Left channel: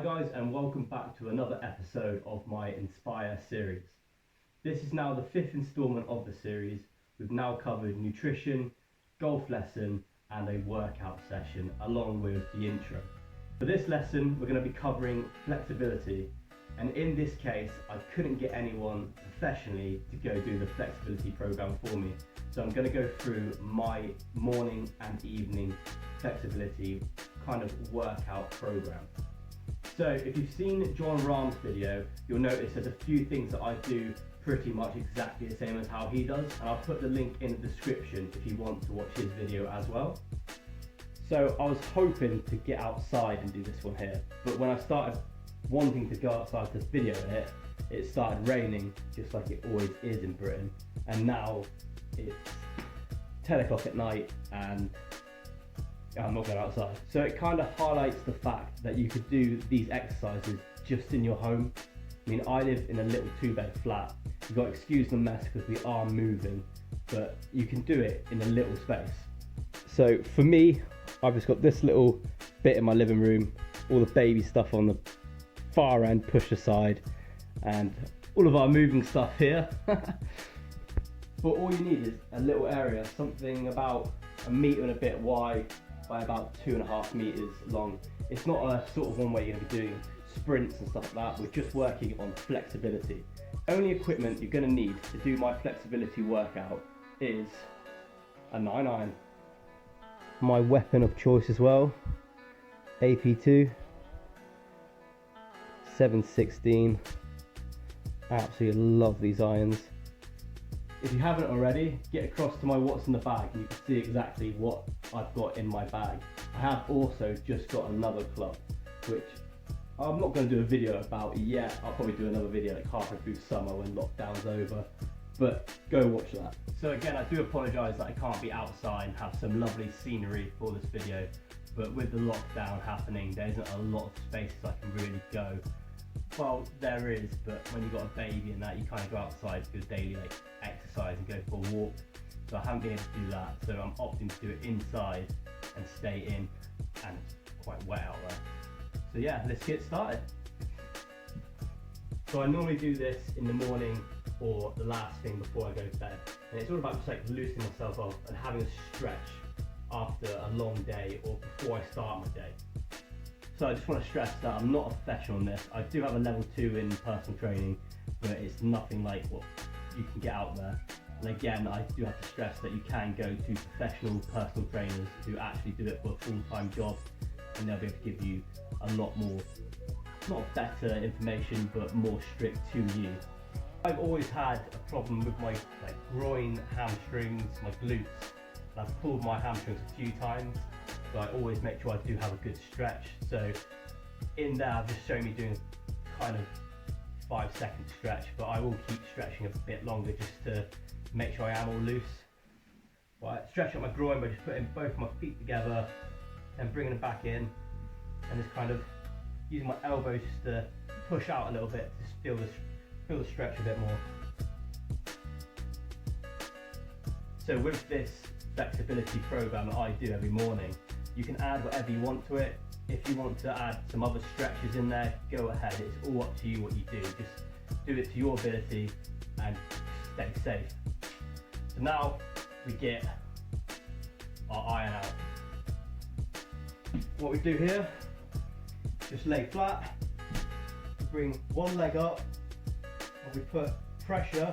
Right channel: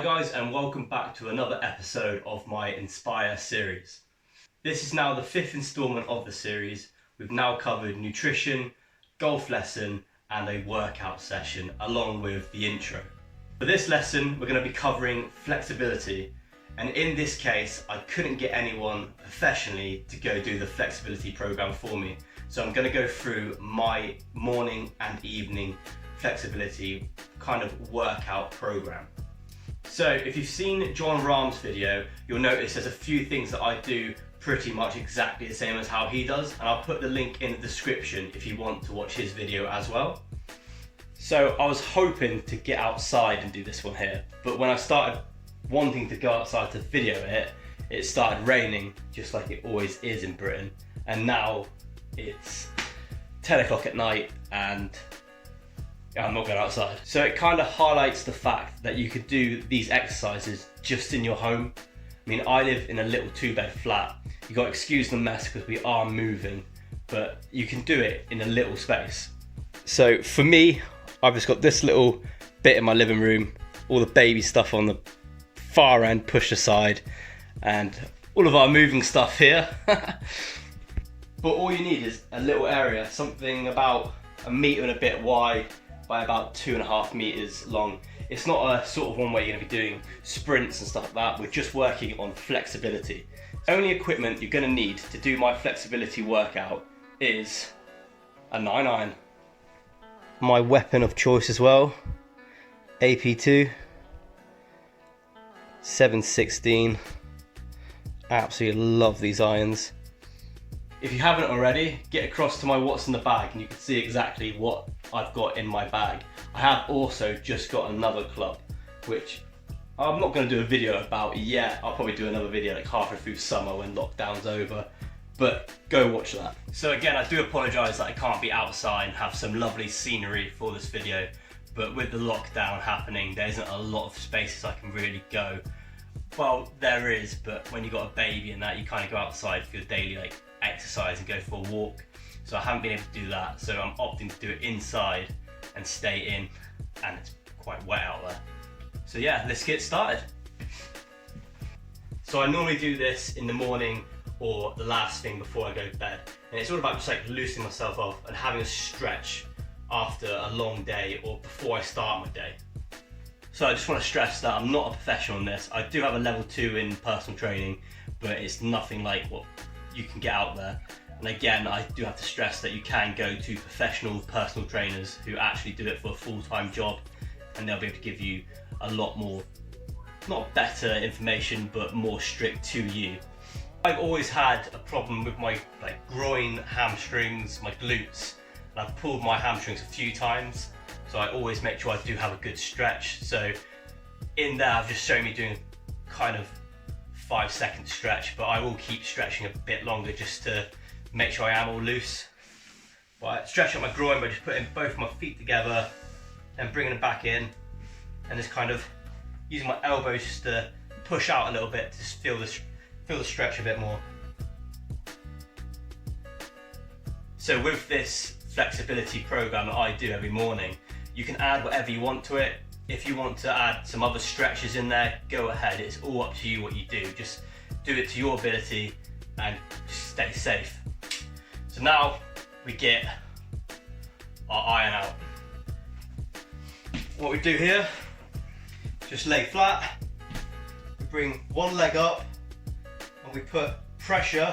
Hi guys, and welcome back to another episode of my Inspire series. This is now the 5th instalment of the series. We've now covered nutrition, golf lesson and a workout session along with the intro. For this lesson we're going to be covering flexibility, and in this case I couldn't get anyone professionally to go do the flexibility program for me. So I'm going to go through my morning and evening flexibility kind of workout program. So if you've seen John Rahm's video, you'll notice there's a few things that I do pretty much exactly the same as how he does, and I'll put the link in the description if you want to watch his video as well. So I was hoping to get outside and do this one here, but when I started wanting to go outside to video it started raining, just like it always is in Britain, and now it's 10 o'clock at night and I'm not going outside. So it kind of highlights the fact that you could do these exercises just in your home. I mean, I live in a little 2-bed flat. You got to excuse the mess because we are moving, but you can do it in a little space. So for me, I've just got this little bit in my living room, all the baby stuff on the far end pushed aside, and all of our moving stuff here. But all you need is a little area, something about a metre and a bit wide by about 2.5 meters long. It's not a sort of one where you're going to be doing sprints and stuff like that. We're just working on flexibility. The only equipment you're going to need to do my flexibility workout is a 9-iron. My weapon of choice as well, AP2, 716. Absolutely love these irons. If you haven't already, get across to my what's in the bag and you can see exactly what I've got in my bag. I have also just got another club, which I'm not going to do a video about yet. I'll probably do another video like halfway through summer when lockdown's over, but go watch that. So again, I do apologise that I can't be outside and have some lovely scenery for this video, but with the lockdown happening, there isn't a lot of spaces I can really go. Well, there is, but when you've got a baby and that, you kind of go outside for your daily exercise and go for a walk. So I haven't been able to do that, so I'm opting to do it inside and stay in, and it's quite wet out there. So yeah, let's get started. So I normally do this in the morning or the last thing before I go to bed, and it's all about just like loosening myself up and having a stretch after a long day or before I start my day. So I just want to stress that I'm not a professional in this. I do have a level 2 in personal training, but it's nothing like what you can get out there. And again, I do have to stress that you can go to professional personal trainers who actually do it for a full-time job, and they'll be able to give you a lot more, not better information, but more strict to you. I've always had a problem with my groin, hamstrings, my glutes, and I've pulled my hamstrings a few times. So I always make sure I do have a good stretch. So in there, I've just shown me doing kind of 5-second stretch, but I will keep stretching a bit longer just to make sure I am all loose. But I stretch out my groin by just putting both my feet together and bringing them back in, and just kind of using my elbows just to push out a little bit to just feel the stretch a bit more. So with this flexibility program that I do every morning, you can add whatever you want to it. If you want to add some other stretches in there, go ahead. It's all up to you what you do. Just do it to your ability and stay safe. So now we get our iron out. What we do here, just lay flat, bring one leg up, and we put pressure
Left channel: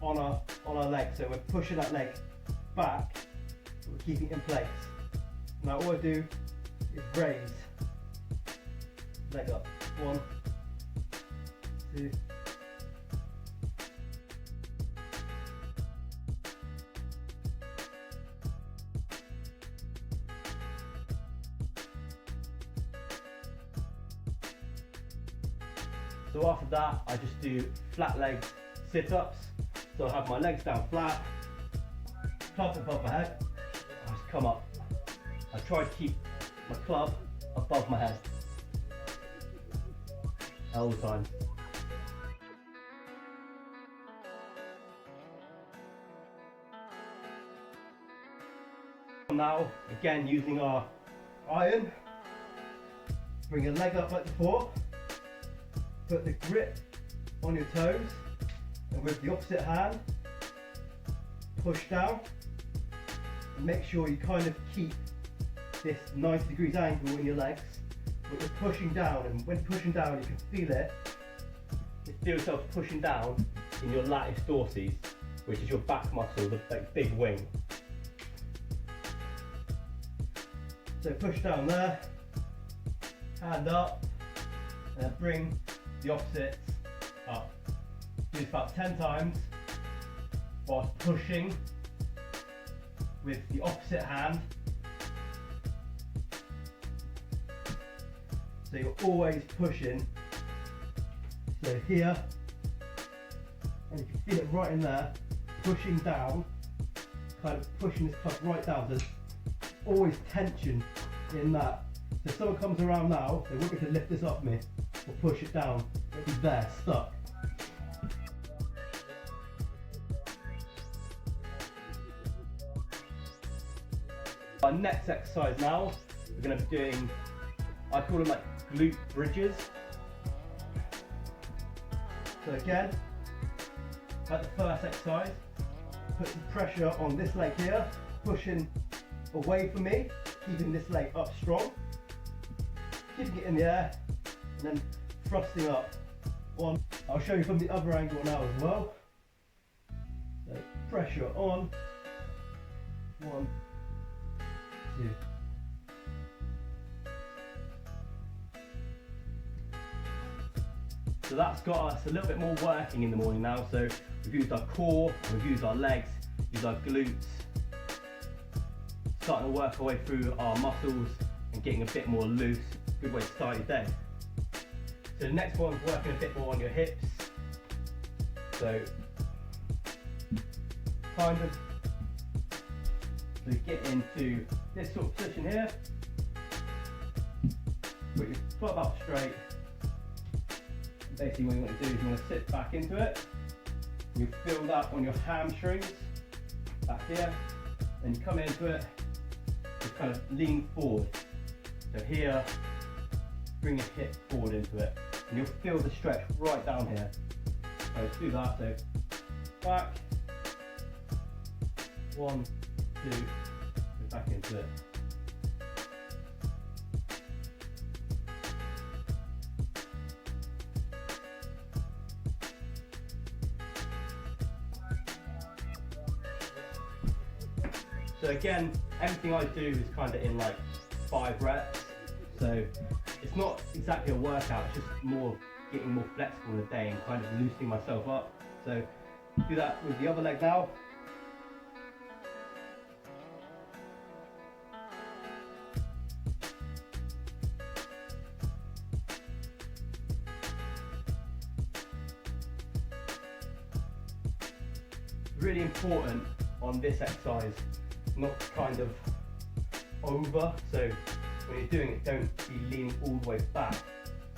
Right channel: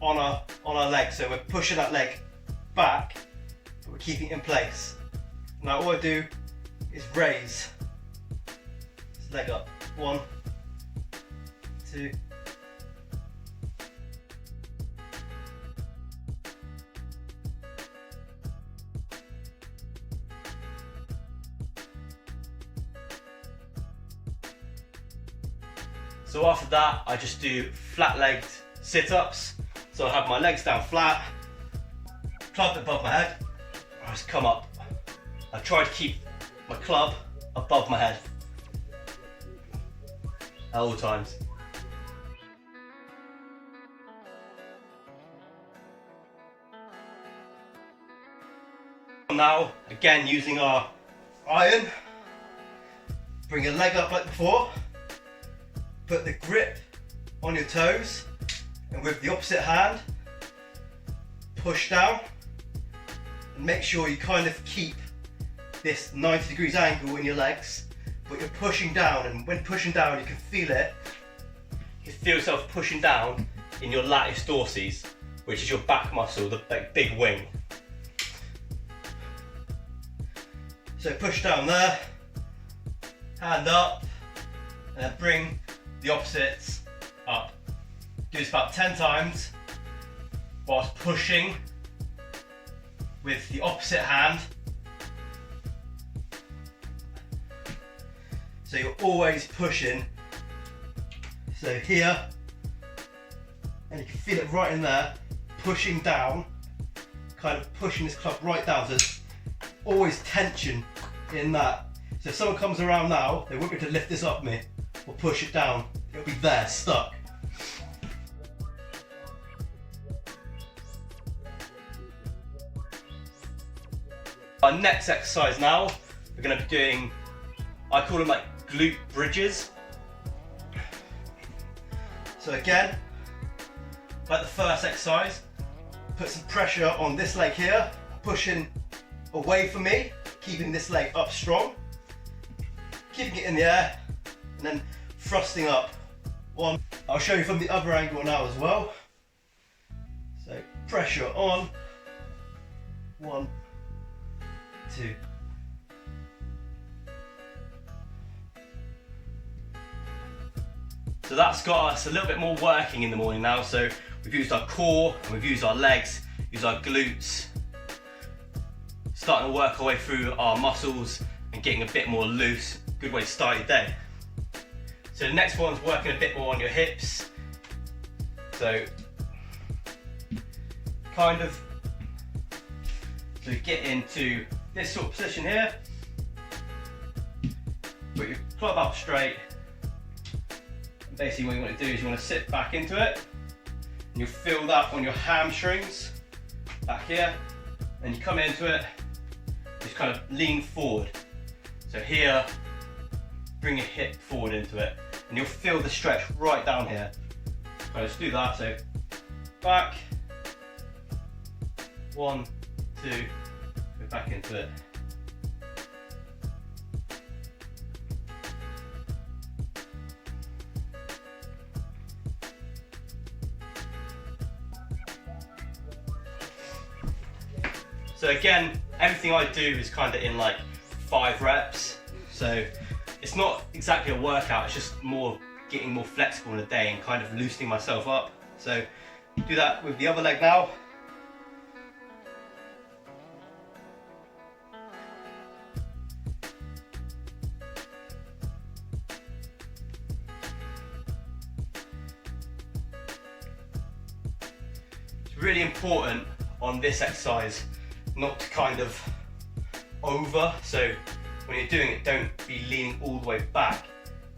on our leg. So we're pushing that leg back, but we're keeping it in place. Now all I do is raise this leg up. 1, 2. So after that, I just do flat-legged sit-ups. So I have my legs down flat, club above my head, I just come up. I try to keep my club above my head at all times. Now, again using our iron, bring your leg up like before, put the grip on your toes, and with the opposite hand, push down, and make sure you kind of keep this 90 degrees angle in your legs, but you're pushing down, and when pushing down you can feel it. You can feel yourself pushing down in your latiss dorsis, which is your back muscle, the big wing. So push down there, hand up, and then bring the opposites up. Do this about 10 times whilst pushing with the opposite hand. So you're always pushing. So here, and you can feel it right in there, pushing down, kind of pushing this club right down. So there's always tension in that. So if someone comes around now, they won't be able to lift this up me or push it down. It'll be there, stuck. Our next exercise now, we're going to be doing, I call them like glute bridges. So again, like the first exercise, put some pressure on this leg here, pushing away from me, keeping this leg up strong, keeping it in the air, and then thrusting up. One, I'll show you from the other angle now as well. So pressure on, 1, 2. So that's got us a little bit more working in the morning now. So we've used our core, we've used our legs, used our glutes, starting to work our way through our muscles and getting a bit more loose. Good way to start your day. So the next one's working a bit more on your hips. So kind of to get into this sort of position here. Put your club up straight. And basically what you want to do is you want to sit back into it. And you'll feel that on your hamstrings back here. And you come into it, just kind of lean forward. So here, bring your hip forward into it. And you'll feel the stretch right down here. So let's do that. So back, 1, 2, go back into it. So again, everything I do is kind of in like 5 reps. So it's not exactly a workout, it's just more getting more flexible in a day and kind of loosening myself up. So do that with the other leg now. It's really important on this exercise not to kind of over. So when you're doing it, don't be leaning all the way back.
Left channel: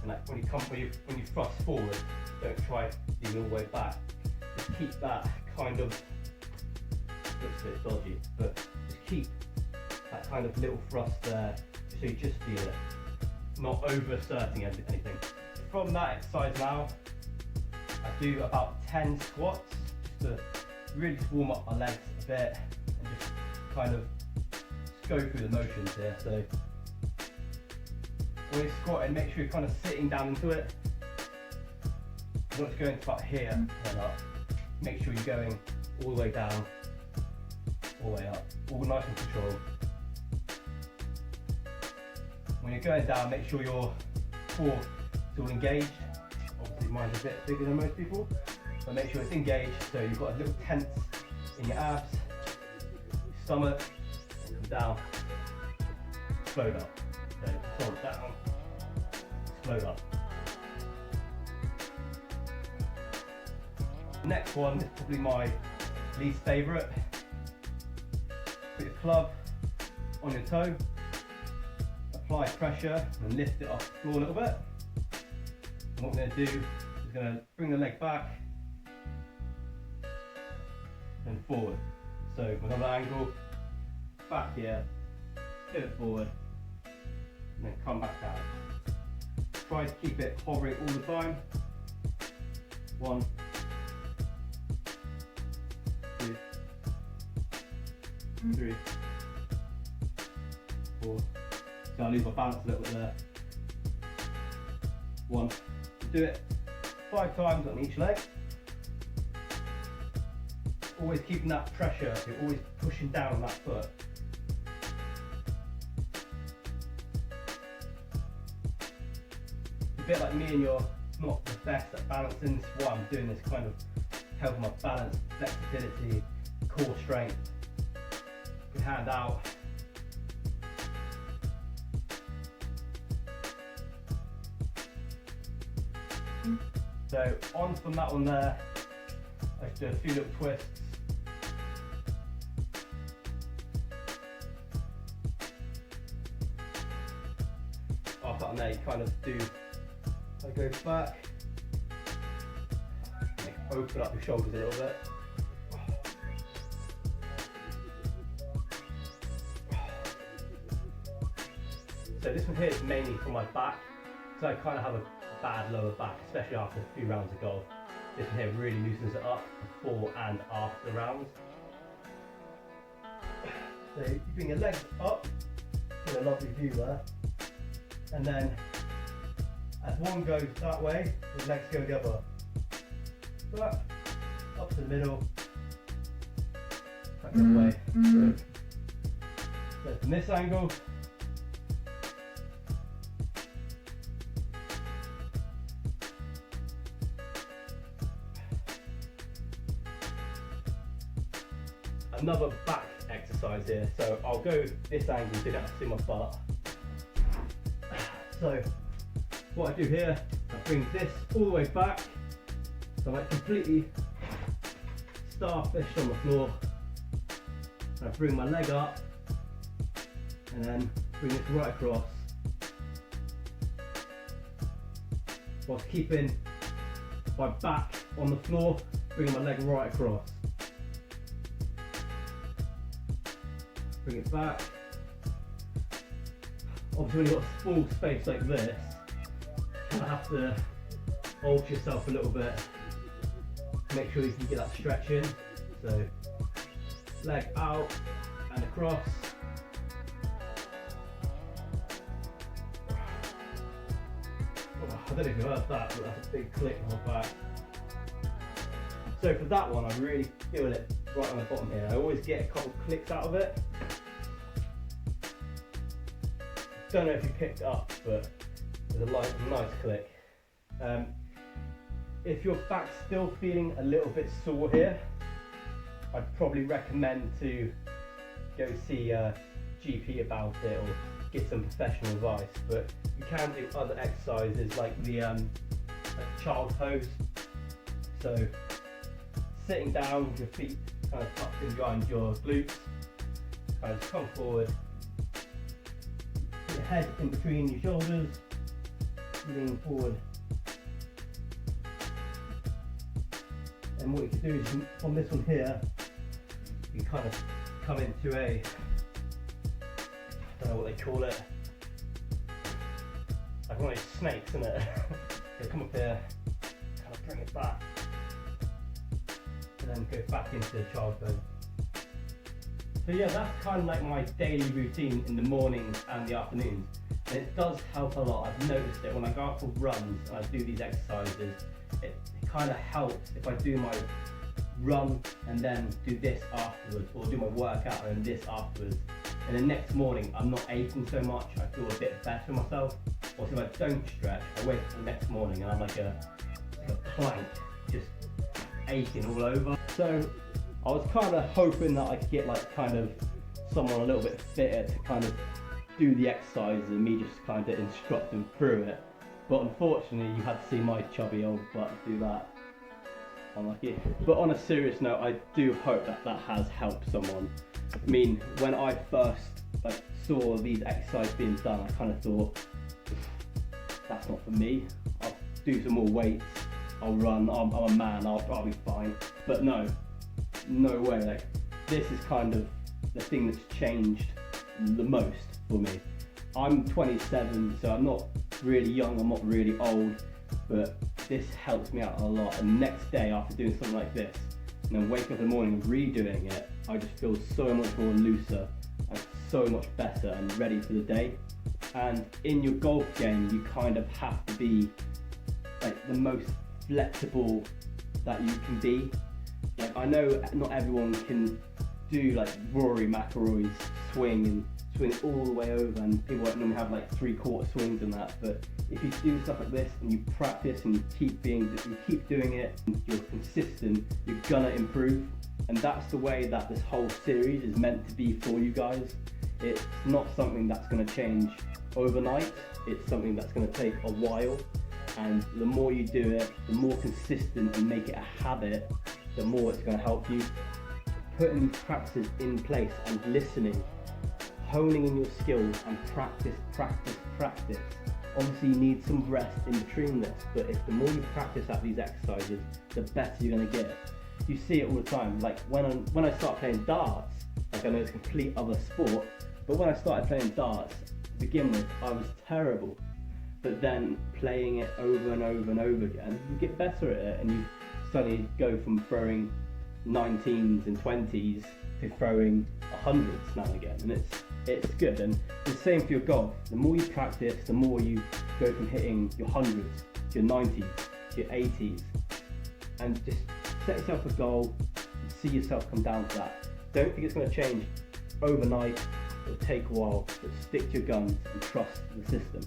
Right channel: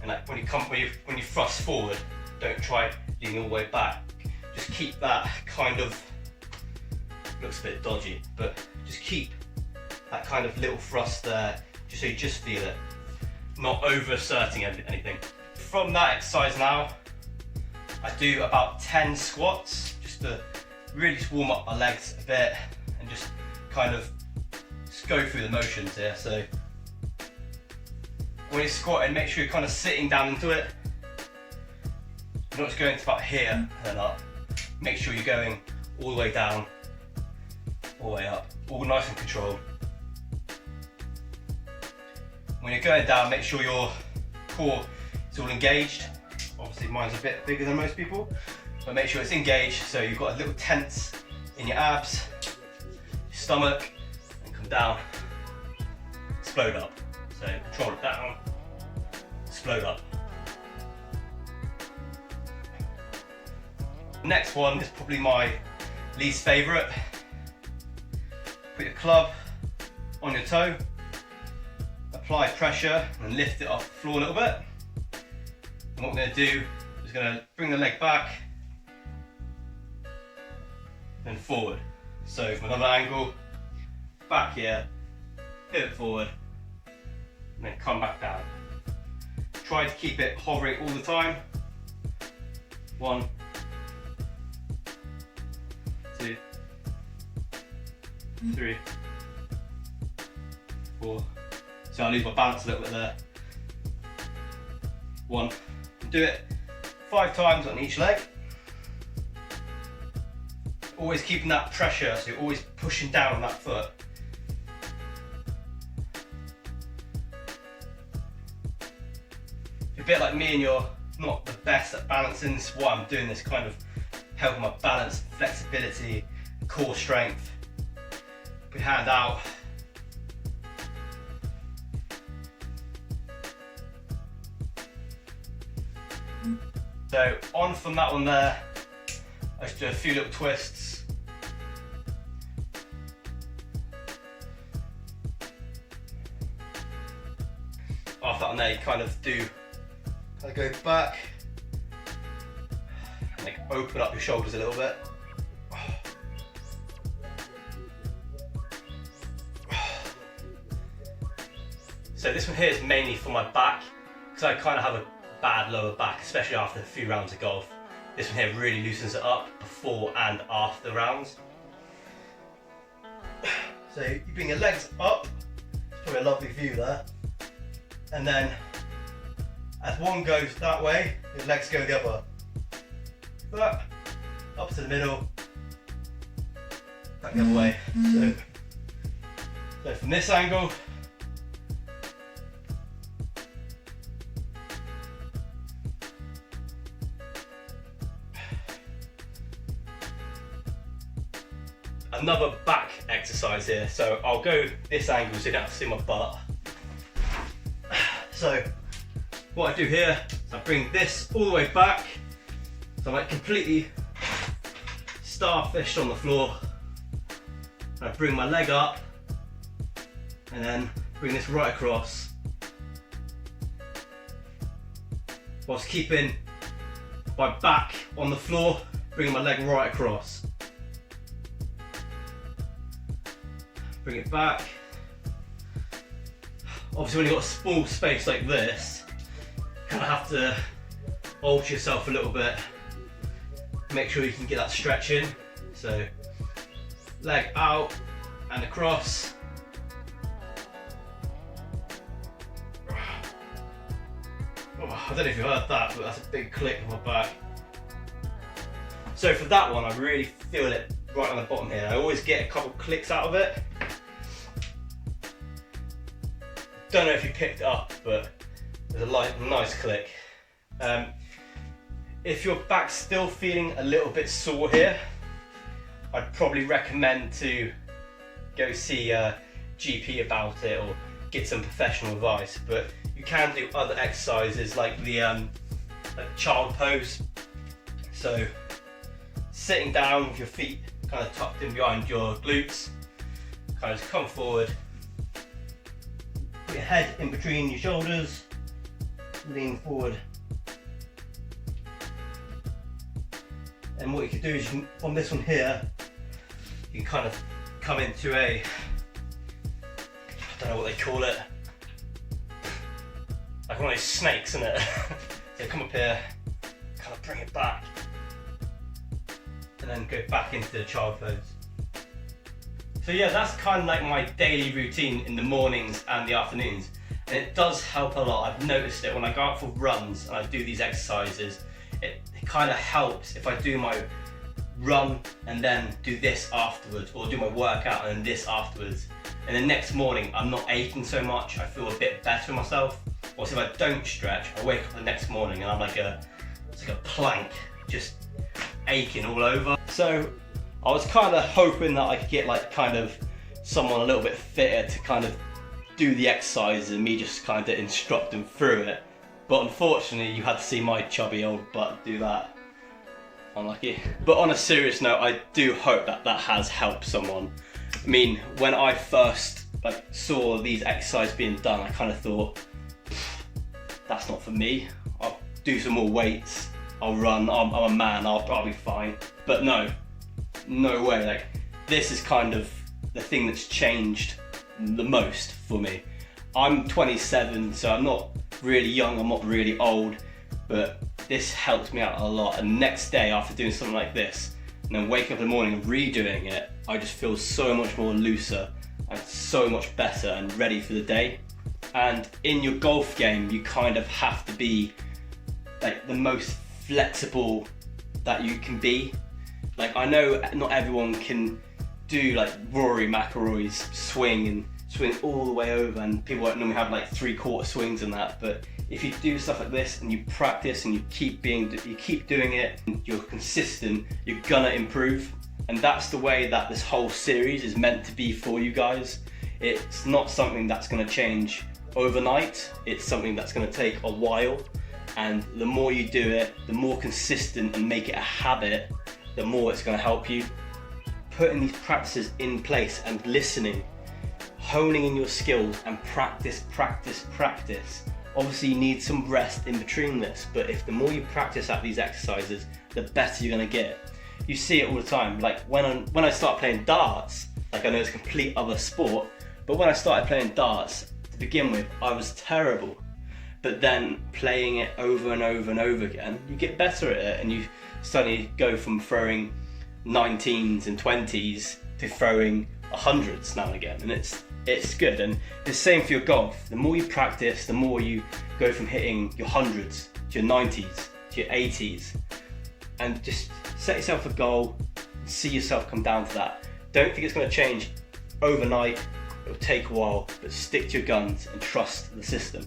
And like when you thrust forward, don't try leaning all the way back. Just keep that kind of, looks a bit dodgy, but just keep that kind of little thrust there, just so you just feel it, not over asserting anything. From that exercise now, I do about 10 squats, just to really just warm up my legs a bit and just kind of just go through the motions here. So when you're squatting, make sure you're kind of sitting down into it. You're not just going to about here and then up. Make sure you're going all the way down, all the way up, all nice and controlled. When you're going down, make sure your core is all engaged. Obviously mine's a bit bigger than most people, but make sure it's engaged so you've got a little tense in your abs, your stomach, and come down, explode up. So control it down, explode up. The next one is probably my least favourite. Put your club on your toe, apply pressure and lift it off the floor a little bit. And what we're going to do is going to bring the leg back and forward. So from another angle, back here, pivot forward, and then come back down. try to keep it hovering all the time. 1, 2, 3, 4. So I lose my balance a little bit there. 1. Do it 5 times on each leg. Always keeping that pressure, so you're always pushing down on that foot. You're a bit like me and you're not the best at balancing. This is why I'm doing this, kind of helping my balance, flexibility, core strength. Put your hand out. So on from that one there, I just do a few little twists. After that one there, you kind of go back and like open up your shoulders a little bit. So this one here is mainly for my back, because I kind of have a bad lower back, especially after a few rounds of golf. This one here really loosens it up before and after the rounds. So you bring your legs up, probably a lovely view there, and then as one goes that way, your legs go the other. Up to the middle, back the other way. So from this angle, another back exercise here. So I'll go this angle so you don't have to see my butt. So what I do here is I bring this all the way back, so I'm like completely starfished on the floor. And I bring my leg up and then bring this right across, whilst keeping my back on the floor, bringing my leg right across. Bring it back. Obviously when you've got a small space like this, you kind of have to alter yourself a little bit. Make sure you can get that stretch in. So leg out and across. Oh, I don't know if you heard that, but that's a big click on my back. So for that one, I really feel it right on the bottom here. I always get a couple clicks out of it. Don't know if you picked it up, but there's a nice click. If your back's still feeling a little bit sore here, I'd probably recommend to go see a GP about it or get some professional advice. But you can do other exercises like the like child pose. So sitting down with your feet kind of tucked in behind your glutes, kind of just come forward. Your head in between your shoulders, lean forward. And what you can do is on this one here, you can kind of come into a, I don't know what they call it, like one of those snakes, isn't it? So come up here, kind of bring it back, and then go back into the child pose. So yeah, that's kind of like my daily routine in the mornings and the afternoons. And it does help a lot. I've noticed it when I go out for runs and I do these exercises, it kind of helps if I do my run and then do this afterwards, or do my workout and then this afterwards. And the next morning, I'm not aching so much. I feel a bit better with myself. Or if I don't stretch, I wake up the next morning and I'm like it's like a plank, just aching all over. So I was kind of hoping that I could get like kind of someone a little bit fitter to kind of do the exercises and me just kind of instruct them through it. But unfortunately, you had to see my chubby old butt do that. Unlucky. But on a serious note, I do hope that that has helped someone. I mean, when I first saw these exercises being done, I kind of thought, that's not for me. I'll do some more weights, I'll run, I'm a man, I'll be fine. But no way. Like, this is kind of the thing that's changed the most for me. I'm 27, so I'm not really young, I'm not really old, but this helped me out a lot. And the next day after doing something like this, and then waking up in the morning and redoing it, I just feel so much more looser and so much better and ready for the day. And in your golf game, you kind of have to be like the most flexible that you can be. Like, I know not everyone can do like Rory McIlroy's swing and swing all the way over, and people don't normally have like 3/4 swings and that, but if you do stuff like this and you practice and you keep doing it and you're consistent, you're gonna improve. And that's the way that this whole series is meant to be for you guys. It's not something that's gonna change overnight, it's something that's gonna take a while, and the more you do it, the more consistent and make it a habit, the more it's gonna help you. Putting these practices in place and listening, honing in your skills, and practice. Obviously you need some rest in between this, but if the more you practice at these exercises, the better you're gonna get. You see it all the time. Like when I start playing darts, like I know it's a complete other sport, but when I started playing darts, to begin with, I was terrible. But then playing it over and over and over again, you get better at it, and you suddenly go from throwing 19s and 20s to throwing 100s now and again, and it's good. And the same for your golf. The more you practice, the more you go from hitting your 100s to your 90s to your 80s, and just set yourself a goal and see yourself come down to that. Don't think it's going to change overnight. It'll take a while, but stick to your guns and trust the system.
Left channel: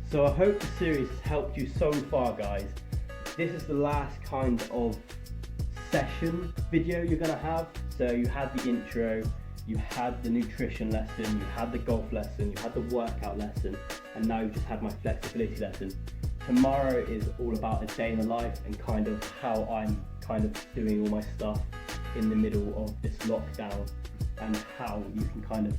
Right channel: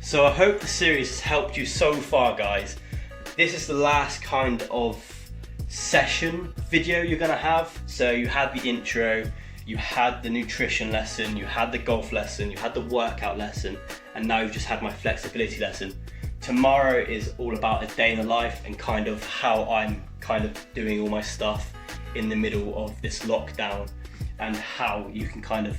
So I hope the series has helped you so far, guys. This is the last kind of session video you're gonna have. So you had the intro, you had the nutrition lesson, you had the golf lesson, you had the workout lesson, and now you've just had my flexibility lesson. Tomorrow is all about a day in the life and kind of how I'm kind of doing all my stuff in the middle of this lockdown, and how you can kind of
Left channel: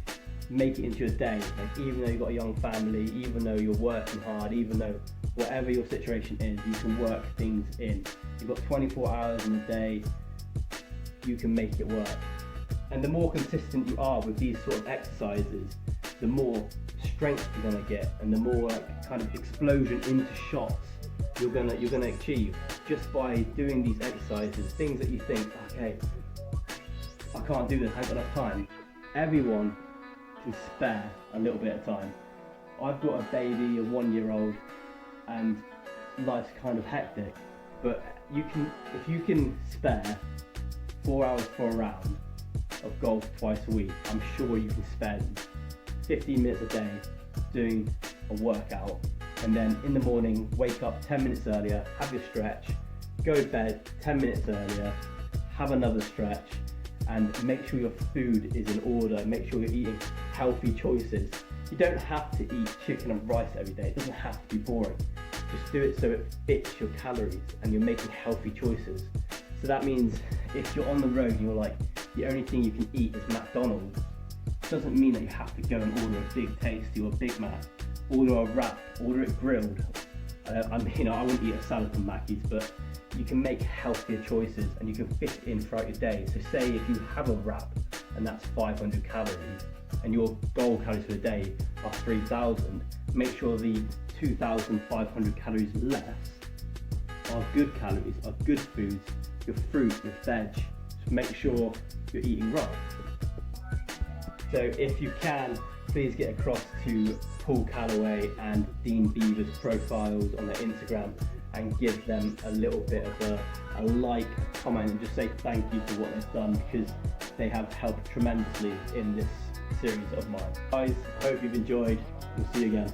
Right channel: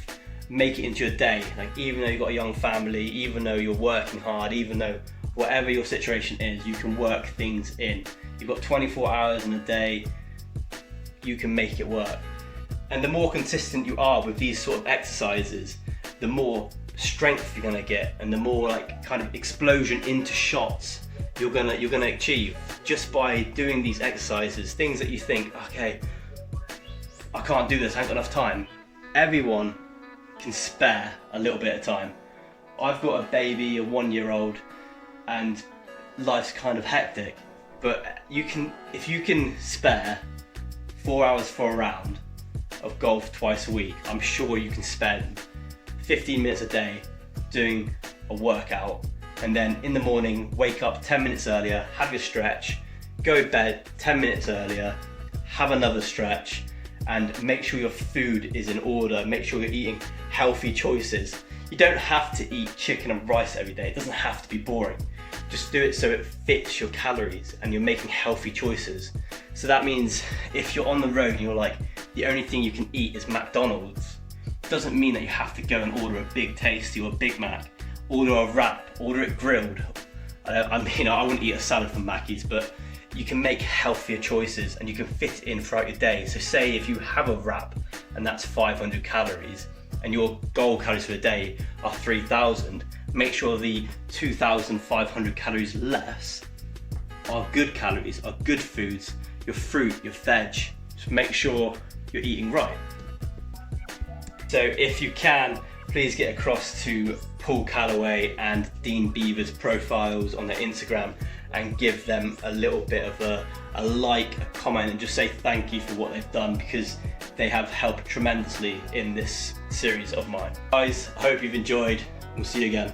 make it into your day. Like, even though you've got a young family, even though you're working hard, even though whatever your situation is, you can work things in. You've got 24 hours in a day, you can make it work. And the more consistent you are with these sort of exercises, the more strength you're gonna get, and the more like kind of explosion into shots you're gonna achieve just by doing these exercises. Things that you think, okay, I can't do this, I haven't got enough time. Everyone can spare a little bit of time. I've got a baby, a 1-year-old, and life's kind of hectic, but if you can spare 4 hours for a round of golf twice a week, I'm sure you can spend 15 minutes a day doing a workout, and then in the morning wake up 10 minutes earlier, have your stretch, go to bed 10 minutes earlier, have another stretch, and make sure your food is in order. Make sure you're eating healthy choices. You don't have to eat chicken and rice every day. It doesn't have to be boring. Just do it so it fits your calories and you're making healthy choices. So that means if you're on the road and you're like, the only thing you can eat is McDonald's, it doesn't mean that you have to go and order a Big Tasty or a Big Mac. Order a wrap, order it grilled. I wouldn't eat a salad from Mackey's, but you can make healthier choices and you can fit it in throughout your day. So say if you have a wrap and that's 500 calories and your goal calories for the day are 3,000, make sure the 2,500 calories less are good calories, are good foods, your fruit, your veg. Just make sure you're eating right. So if you can, please get across to Paul Calloway and Dean Beaver's profiles on their Instagram and give them a little bit of a like, a comment, and just say thank you for what they've done, because they have helped tremendously in this series of mine. Guys, I hope you've enjoyed. We'll see you again.